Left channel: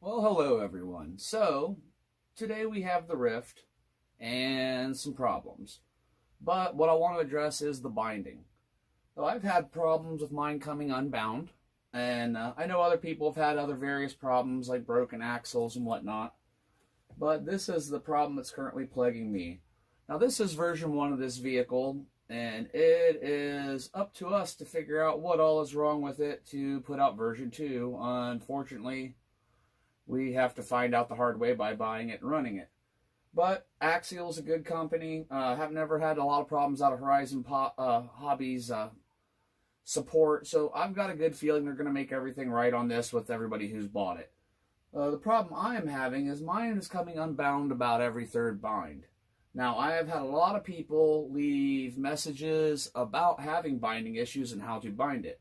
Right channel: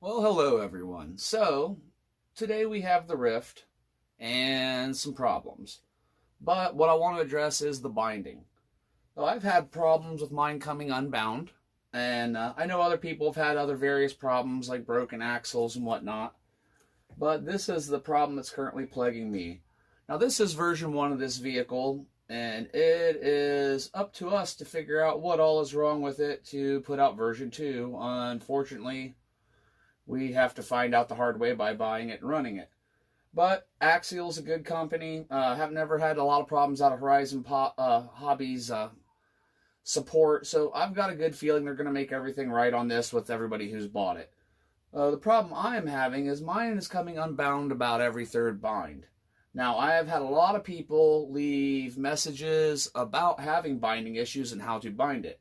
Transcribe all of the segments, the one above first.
Well, hello everyone. So, today we have the Rift and some problems. But what I want to address is the binding. So I've had problems with mine coming unbound, and I know other people have had other various problems like broken axles and whatnot. But this is the problem that's currently plaguing me. Now, this is version 1 of this vehicle, and it is up to us to figure out what all is wrong with it to put out version 2. Unfortunately, we have to find out the hard way by buying it and running it. But Axial is a good company. Have never had a lot of problems out of Horizon Hobbies support, so I've got a good feeling they're going to make everything right on this with everybody who's bought it. The problem I'm having is mine is coming unbound about every third bind. Now, I have had a lot of people leave messages about having binding issues and how to bind it.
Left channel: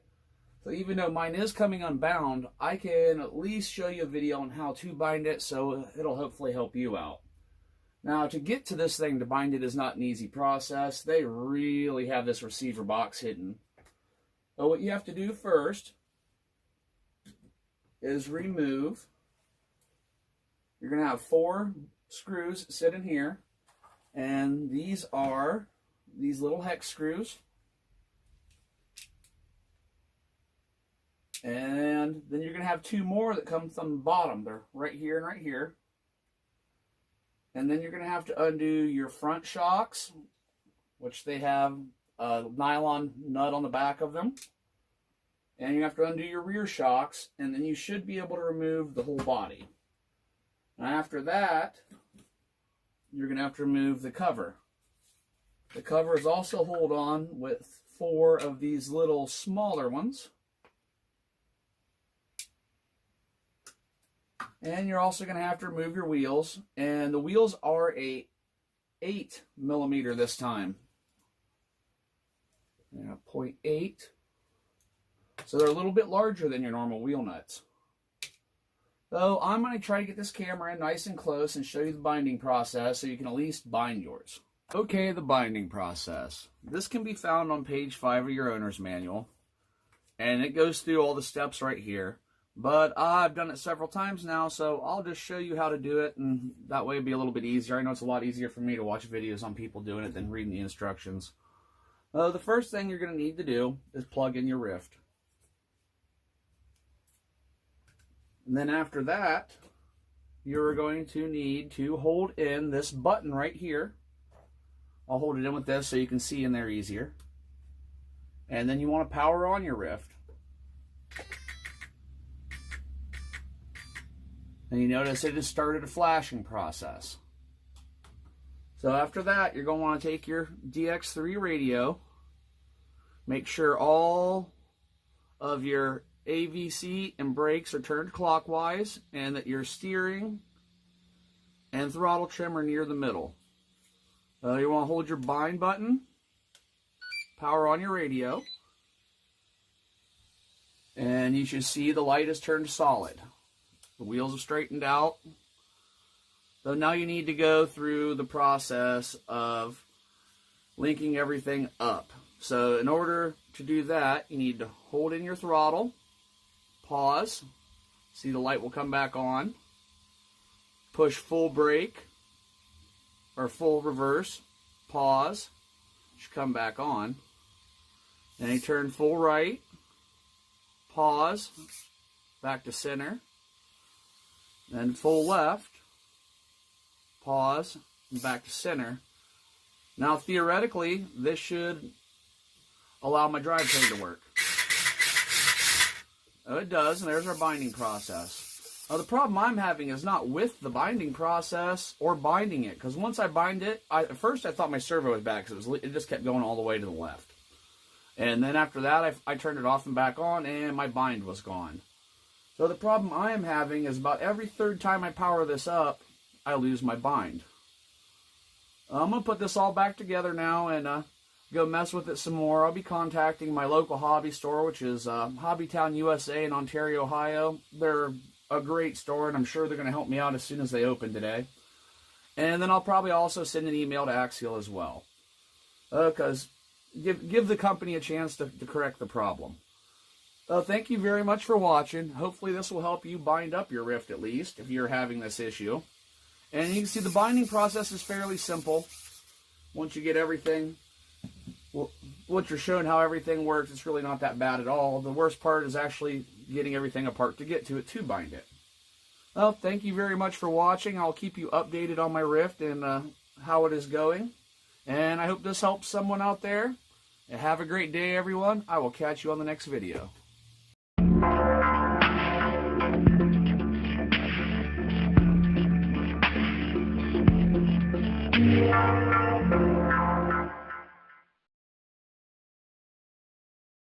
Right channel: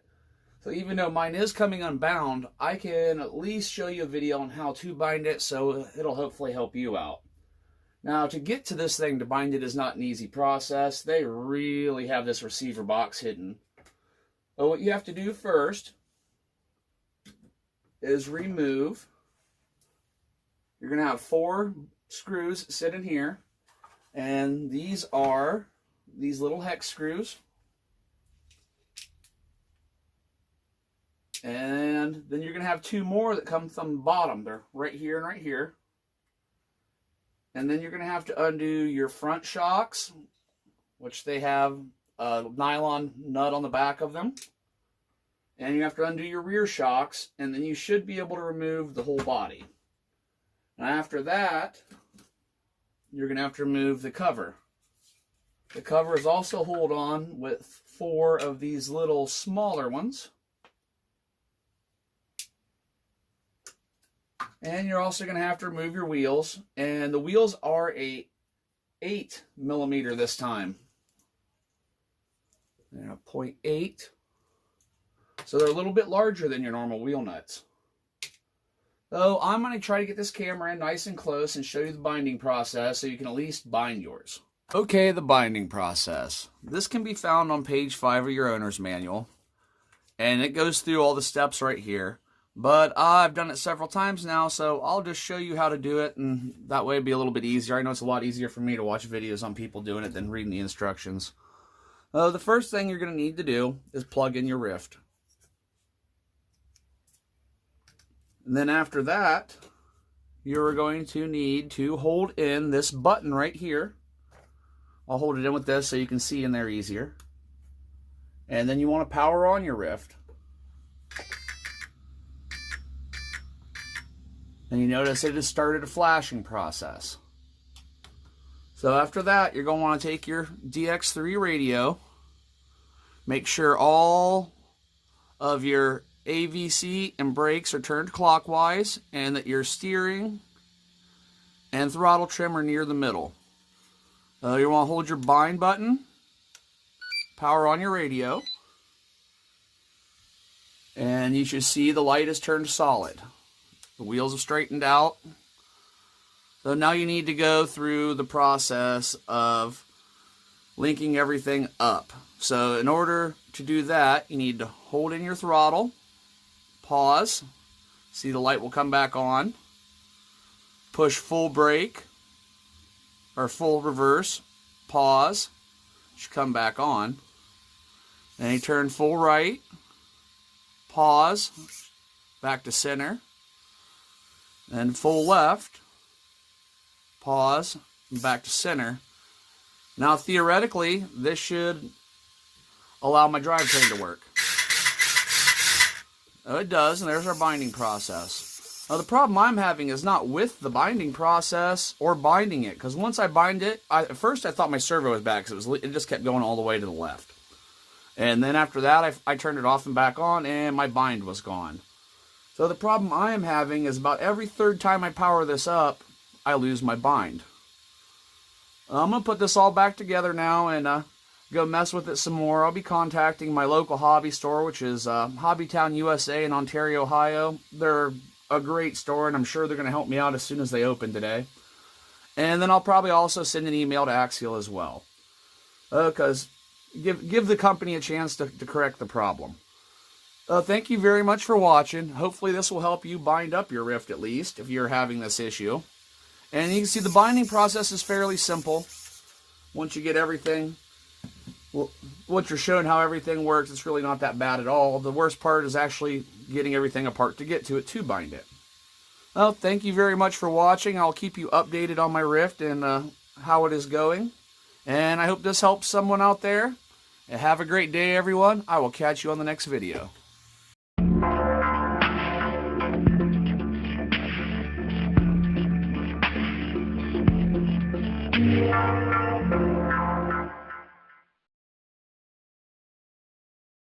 So even though mine is coming unbound, I can at least show you a video on how to bind it, so it'll hopefully help you out. Now, to get to this thing, to bind it is not an easy process. They really have this receiver box hidden. So what you have to do first is remove. You're going to have 4 screws sitting here, and these are these little hex screws. And then you're going to have 2 more that come from the bottom. They're right here and right here. And then you're going to have to undo your front shocks, which they have a nylon nut on the back of them. And you have to undo your rear shocks, and then you should be able to remove the whole body. And after that, you're going to have to remove the cover. The cover is also held on with 4 of these little smaller ones. And you're also going to have to remove your wheels. And the wheels are a 8mm this time. And a 0.8. So they're a little bit larger than your normal wheel nuts. So I'm going to try to get this camera in nice and close and show you the binding process so you can at least bind yours. Okay, the binding process. This can be found on page 5 of your owner's manual. And it goes through all the steps right here. But I've done it several times now, so I'll just show you how to do it, and that way it'll be a little bit easier. I know it's a lot easier for me to watch videos on people doing it than reading the instructions. The first thing you're going to need to do is plug in your Rift. And then after that, you're going to need to hold in this button right here. I'll hold it in with this so you can see in there easier. And then you want to power on your Rift. And you notice it has started a flashing process. So after that, you're going to want to take your DX3 radio, make sure all of your AVC and brakes are turned clockwise, and that your steering and throttle trim are near the middle. You want to hold your bind button, power on your radio, and you should see the light is turned solid. The wheels have straightened out. So now you need to go through the process of linking everything up. So in order to do that, you need to hold in your throttle, pause, see the light will come back on, push full brake or full reverse, pause, should come back on. Then you turn full right, pause, back to center. Then full left, pause, and back to center. Now theoretically, this should allow my drivetrain to work. Oh, it does, and there's our binding process. Now the problem I'm having is not with the binding process or binding it, because once I bind it, at first I thought my servo was bad because it just kept going all the way to the left. And then after that, I turned it off and back on, and my bind was gone. So the problem I am having is about every third time I power this up, I lose my bind. I'm going to put this all back together now and go mess with it some more. I'll be contacting my local hobby store, which is Hobbytown USA in Ontario, Ohio. They're a great store, and I'm sure they're going to help me out as soon as they open today. And then I'll probably also send an email to Axial as well. Because give the company a chance to correct the problem. Thank you very much for watching. Hopefully this will help you bind up your rift at least if you're having this issue. And you can see the binding process is fairly simple. Once you get everything, well, once you're shown how everything works, it's really not that bad at all. The worst part is actually getting everything apart to get to it to bind it. Well, thank you very much for watching. I'll keep you updated on my rift and how it is going. And I hope this helps someone out there. And have a great day, everyone. I will catch you on the next video. Yeah.